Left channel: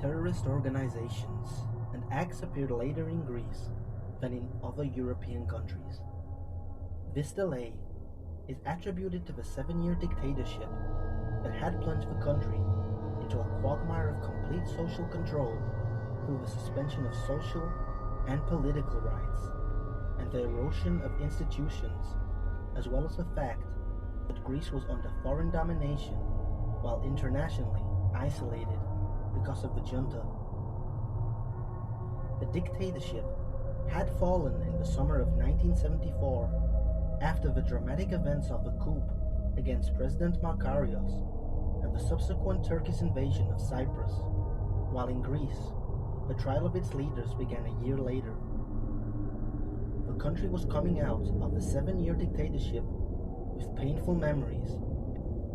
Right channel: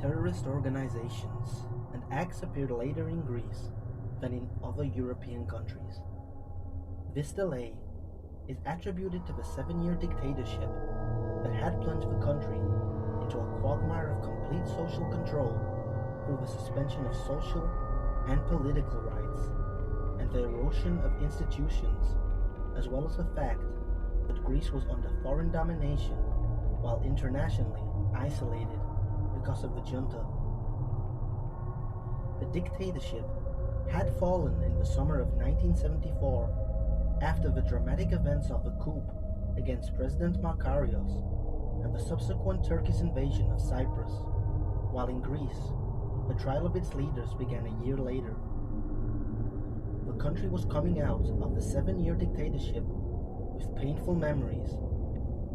terrorist organizations and acts appeared later in Greece than in other European countries. This delay is attributed to the 7-year dictatorship that had plunged the country into a quagmire of complete social control through the suspension of social and political rights and the erosion of institutions, as well as the fact that Greece was under foreign domination while internationally isolated because of the junta. The dictatorship had fallen in the summer of 1974 after the dramatic events of the coup against President Makarios and the subsequent Turkish invasion of Cyprus, while in Greece, the trial of its leaders began a year later. The country was coming out of the 7-year dictatorship with painful memories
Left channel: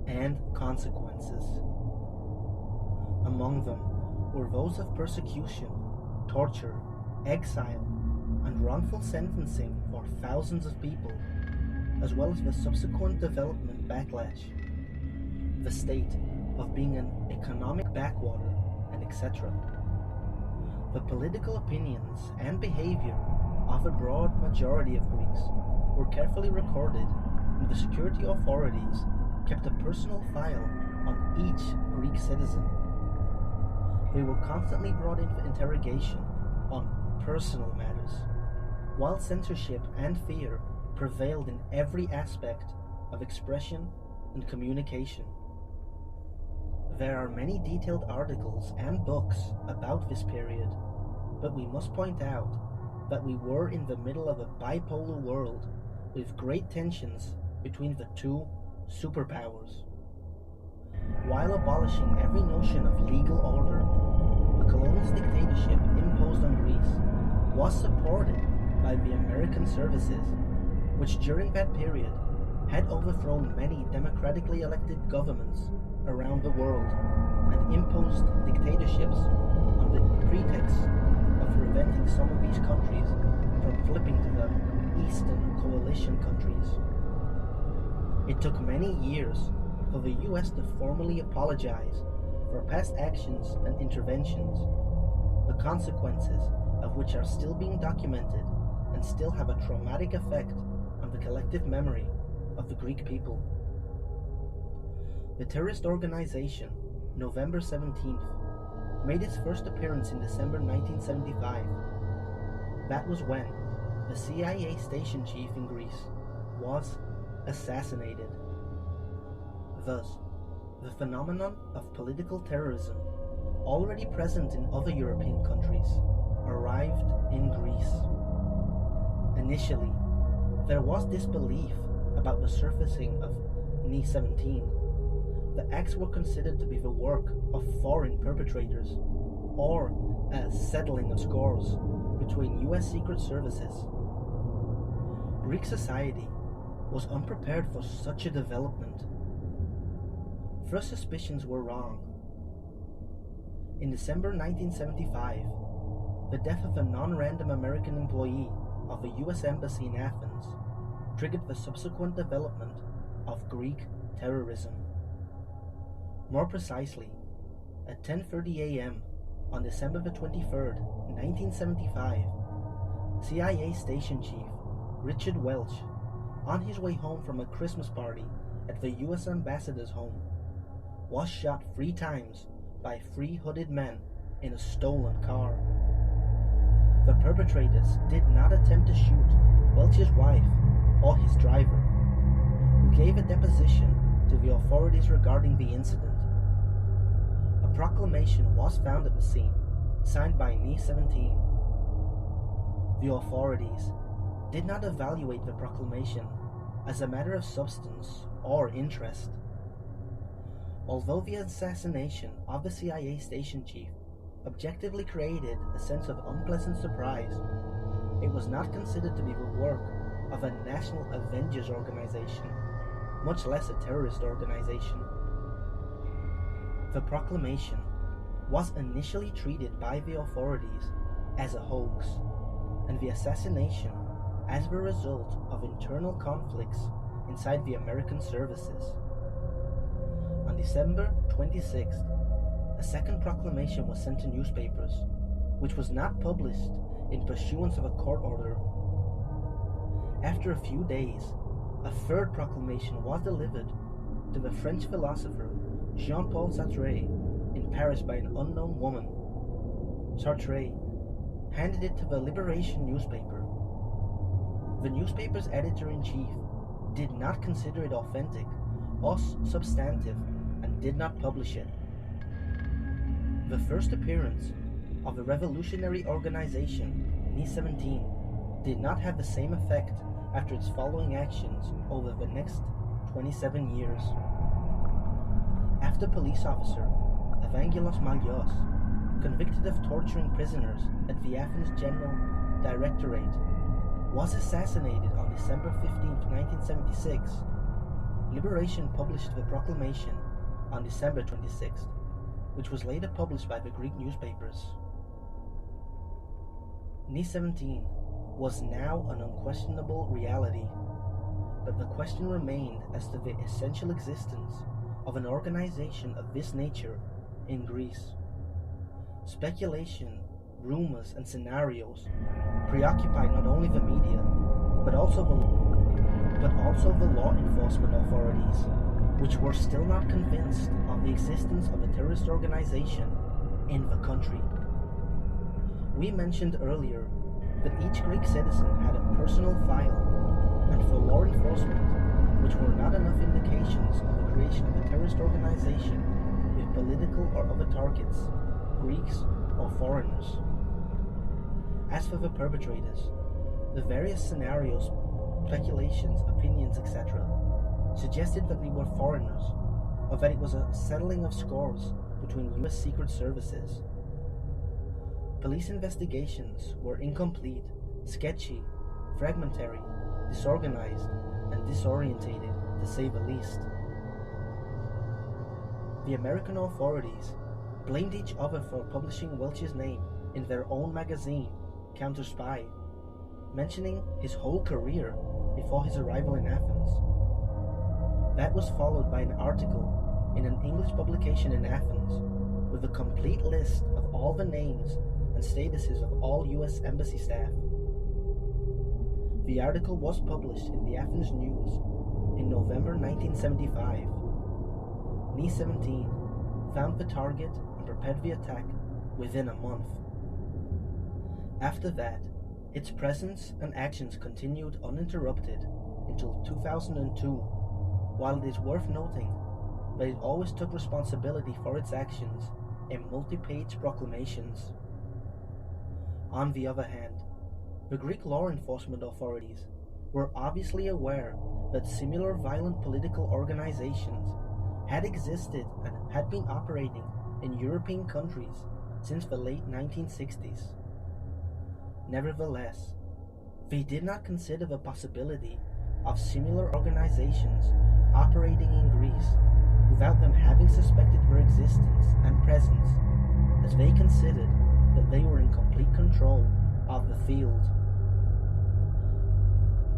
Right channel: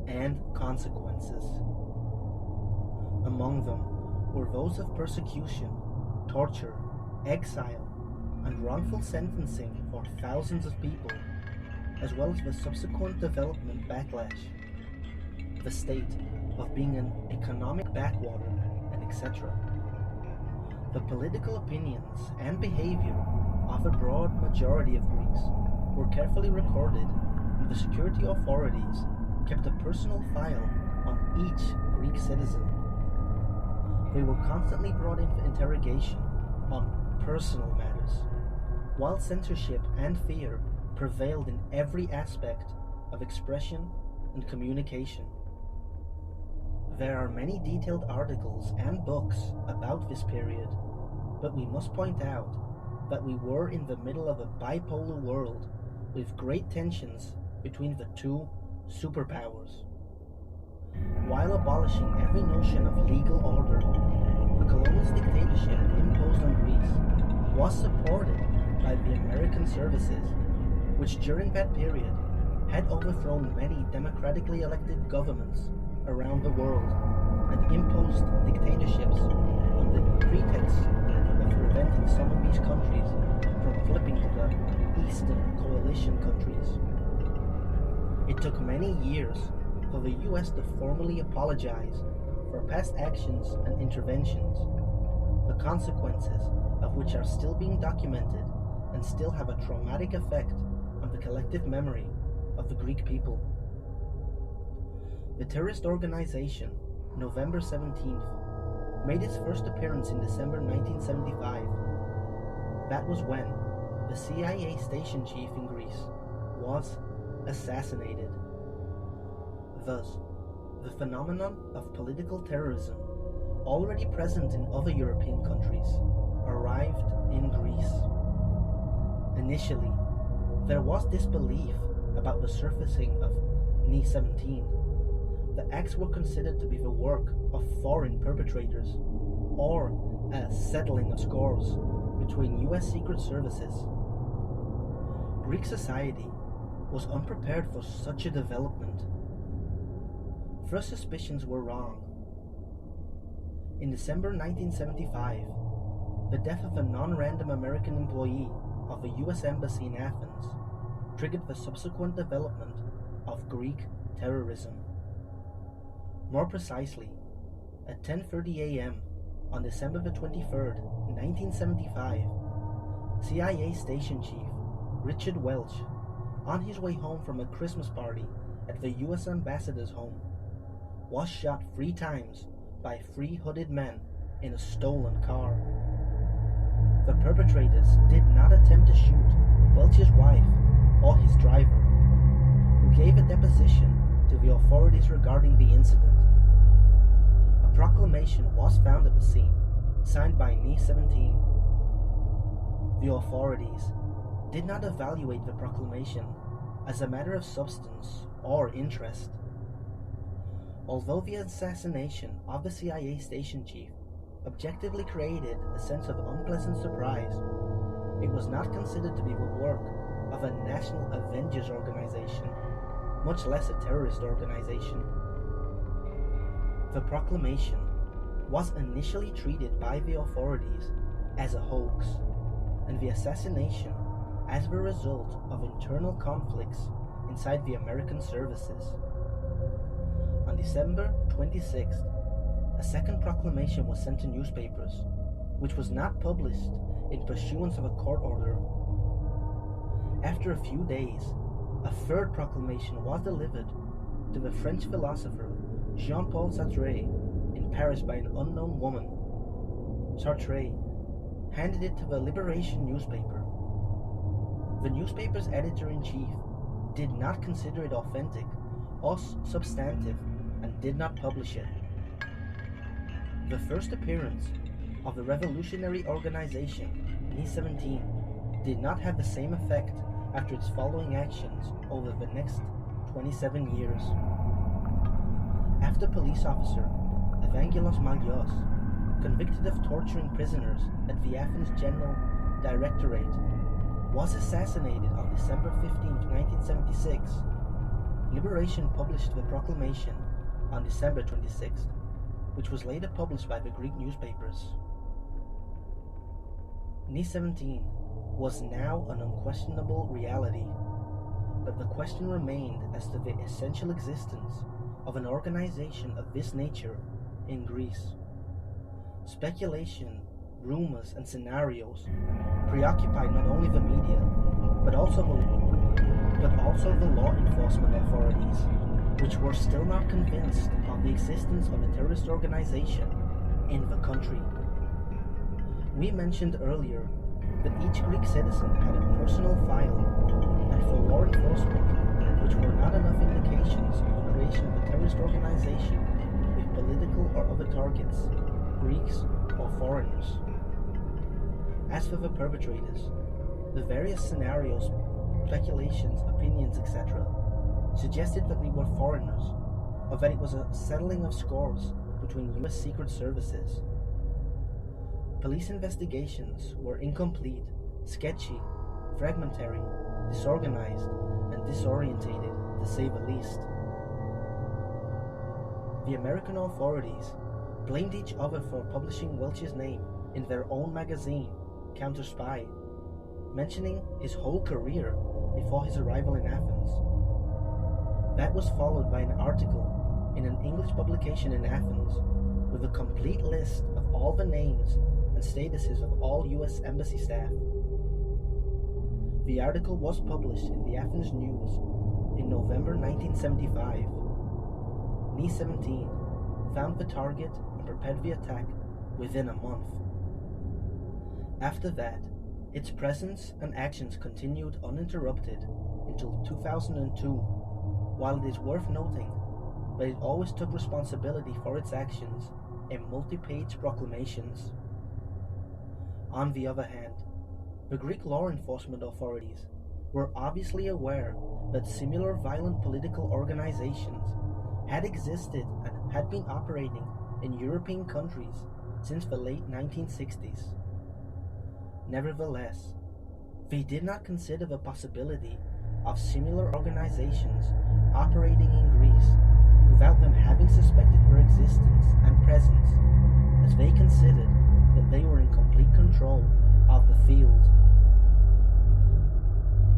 and consequences. Among them were those of persecution, torture, exile, and wrongful sentencing for thousands of people, as well as the subsequent development backlash, the state of being an economic backwater, and etc. The political opinions and behavior of a broad majority of Greeks were carefully recorded, and the security authorities kept a personal file on each Greek citizen. They were constantly brought in for interrogation on personal matters, while censorship and fear prevailed in every aspect of expression and communication. There are many detailed articles and books about this period, but we must point out that we were in the middle of a bipolar world with great tensions between the two superpowers. While abolishing every notion of legal order, the colonialist dictatorship imposed on Greece was supported by the American services, which during that period had overthrown many democratically elected governments around the world and imposed dictatorships on the pretext of preventing some of these countries from flipping to the Eastern Coalition countries. It took many years for the US to formally apologize for past actions and interventions, the consequences of which are still being documented and still have a traumatic effect on the collective memory of the Greek people. The terrorist organization, November 17th, made its first appearance in December 1975. That was when the CIA station chief in Greece was assassinated. Thus, the phenomenon of political terrorism, already present in other European countries, arrived in Greece. Initially, there was disbelief about the surfacing of Ni-17. The acts were considered to be the work of foreign perpetrators, or a settling of scores between US secret services. Greek society was unprepared for such a development. First suspicions were wrong. In December 1975, the death of a non-random American employee of the US Embassy in Athens triggered the subsequent development of Greek terrorism. More precisely, at 10:30 a.m. on December the 23rd, 1975, CIA Station Chief Richard Welch, on his way home from a Christmas party at the US Ambassador's home, was shot 3 times by 3 hooded men in a stolen car. The perpetrators did not attempt to shoot Welch's wife or his driver, who gave a deposition to the authorities regarding the incident. A proclamation was found at the scene, signed by Ni-17. The authorities did not evaluate the proclamation as a matter of substance or interest. Although the assassination of the CIA station chief objectively created a sense of unpleasant surprise, it was not considered to be the work of a national avengers organization, much less a terrorist organization. The proclamation was initially treated by the authorities as a hoax, and the assassination as the result of internal conflicts inside the American services. On December 26th, a second proclamation was sent to newspapers, which was not published in pursuance of a court order. After a few days, a third proclamation was delivered to the French philosopher Jean-Paul Sartre in Paris by an unknown woman. Sartre handed it to the Liberation newspaper. The newspaper's editor-in-chief did not consider it authentic or substantive and did not publish it. The first appearance of the revolutionary organization, Ni-17, did not have the same effect after its following actions over the next 27 years. After police officer Evangelos Mallios, convicted of torturing prisoners at the Athens General Directorate, was assassinated on December 15, 1976, Liberation published the proclamation on December 26th, which was later published by the Greek newspapers. Ni-17 was now an unquestionable reality, but the question remained as to the essential existence of an organization of this nature in Greece. Speculation, rumors, and scenarios preoccupied not only the media, but also the law enforcement authorities, which were still not convinced of the existence of a terrorist organization in the country. We mentioned earlier that each Greek citizen had a personal file, and for law enforcement, which were not enough indications of the creation of a terrorist organization with political or other targets, Greeks or foreigners. As for the perpetrators, the various scenarios, speculations, opinions, etc., suggested that they were foreigners, or that it was a settling of scores between U.S. Secret Services. Police investigations were incomplete, sketchy, fragmentary, disorganized, and disorientated, to say the least. The American authorities blamed each other for publishing Welch's name in their own magazine, Counter Spy, mentioning his whole career before his arrival in Athens. That was followed by an article in an English publication in Athens with a complete list of all the names and statuses of all U.S. embassy staff. The article was published in the Athens News in November 1975. Ni-17 found the target and prepared the attack within a month. After that, its presence and actions continued uninterrupted until 2002, while it is worth noting that it always took responsibility for its actions in multi-page proclamations. On the other hand, the Greek law enforcement authorities were obviously aware that similar violent political organizations had existed and had been operating in European countries since the late 1960s. Nevertheless, they did not consider the possibility of similar organizations operating in Greece without them having suspected their existence and presence, as they considered that they were in complete control of the field.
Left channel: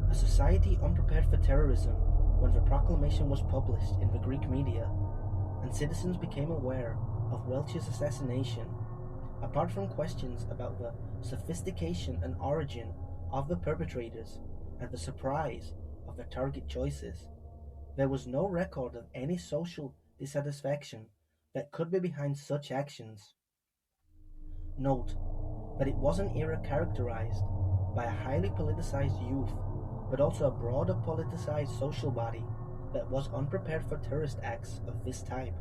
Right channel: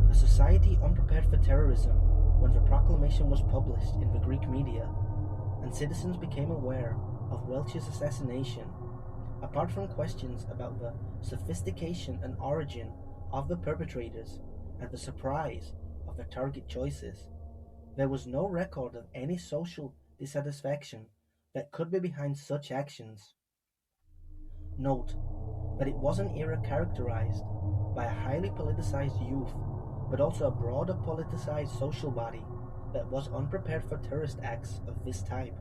A society unprepared for terrorism when the proclamation was published in the Greek media, and citizens became aware of Welch's assassination, apart from questions about the sophistication and origin of the perpetrators and the surprise of their target choices, there was no record of any social dissatisfaction that could be behind such actions. Note that it was an era characterized by a highly politicized youth, but also a broader politicized social body that was unprepared for terrorist acts of this type.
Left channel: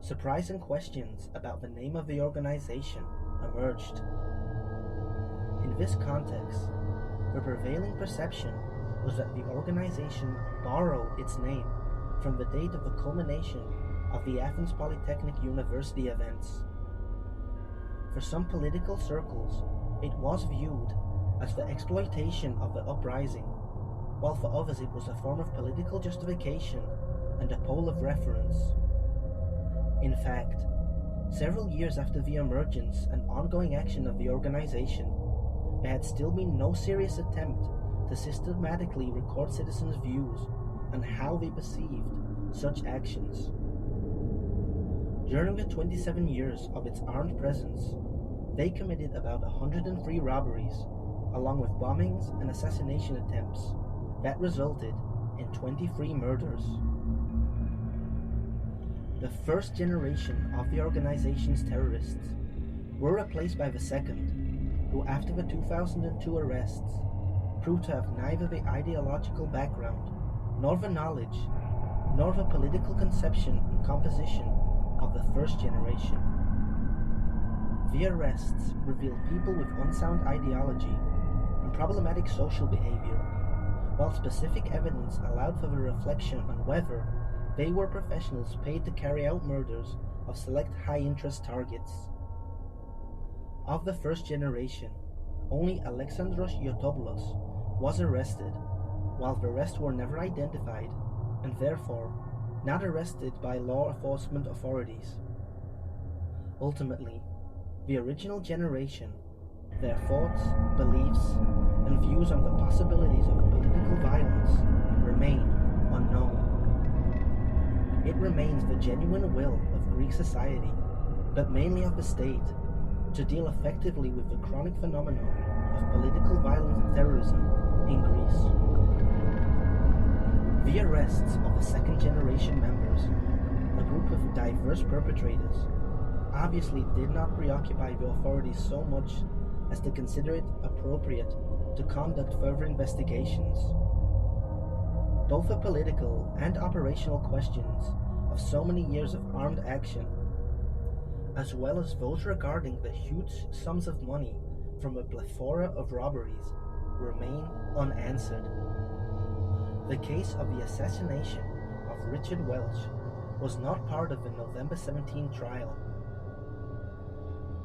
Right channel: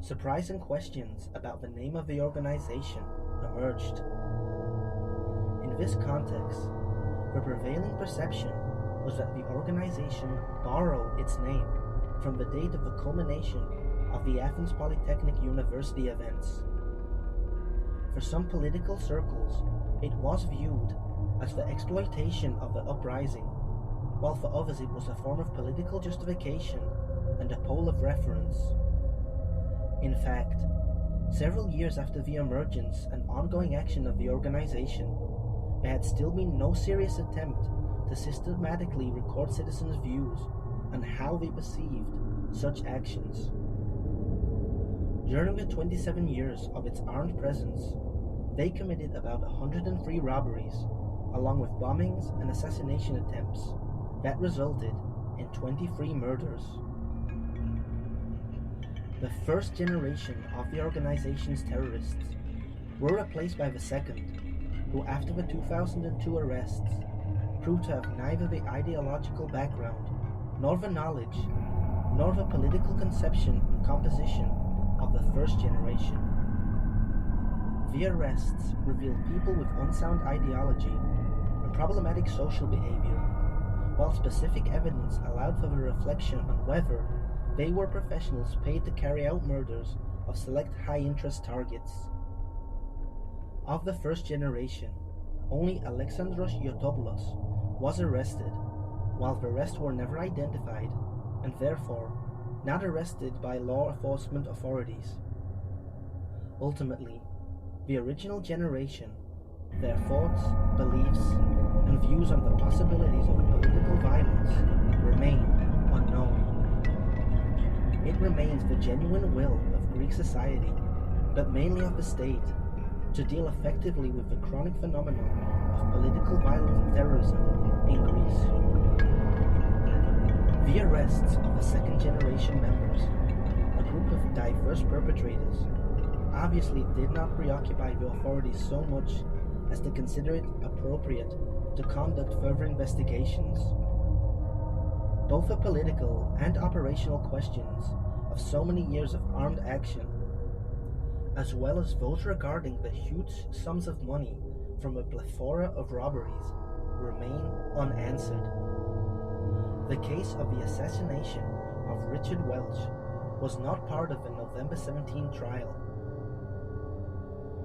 Surprising questions about the name of the organization emerged. In this context, the prevailing perception was that the organization borrowed its name from the date of the culmination of the Athens Polytechnic University events. For some political circles, it was viewed as the exploitation of the uprising, while for others it was a form of political justification and a pole of reference. In fact, several years after the emergence and ongoing action of the organization, there had still been no serious attempt to systematically record citizens' views and how they perceived such actions. During the 27 years of its armed presence, they committed about 103 robberies, along with bombings and assassination attempts that resulted in 23 murders. The first generation of the organization's terrorists were replaced by the second, who after the 2002 arrests proved to have neither the ideological background, nor the knowledge, nor the political conception and composition of the first generation. The arrests revealed people with unsound ideology and problematic social behavior, while specific evidence allowed for the reflection on whether they were professionals paid to carry out murders of select high-interest targets. Of the first generation, only Alexandros Yotopoulos was arrested, while the rest were never identified and therefore not arrested by law enforcement authorities. Ultimately, the original generation, their thoughts, beliefs, and views on the possibilities of political violence remain unknown. It remains the genuine will of Greek society, but mainly of the state, to deal effectively with the chronic phenomenon of political violence and terrorism in Greece. The arrests of the second-generation members, a group of diverse perpetrators, obviously did not preoccupy the authorities so much as to consider it appropriate to conduct further investigations. Both the political and operational questions of so many years of armed action, as well as those regarding the huge sums of money from a plethora of robberies, remain unanswered. The case of the assassination of Richard Welch was not part of the November 17 trial.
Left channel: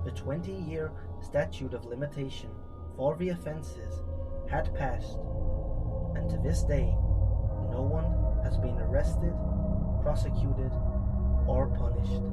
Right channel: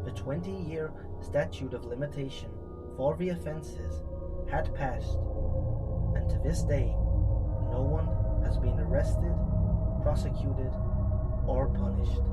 The 20-year statute of limitation for the offenses had passed, and to this day, no one has been arrested, prosecuted, or punished.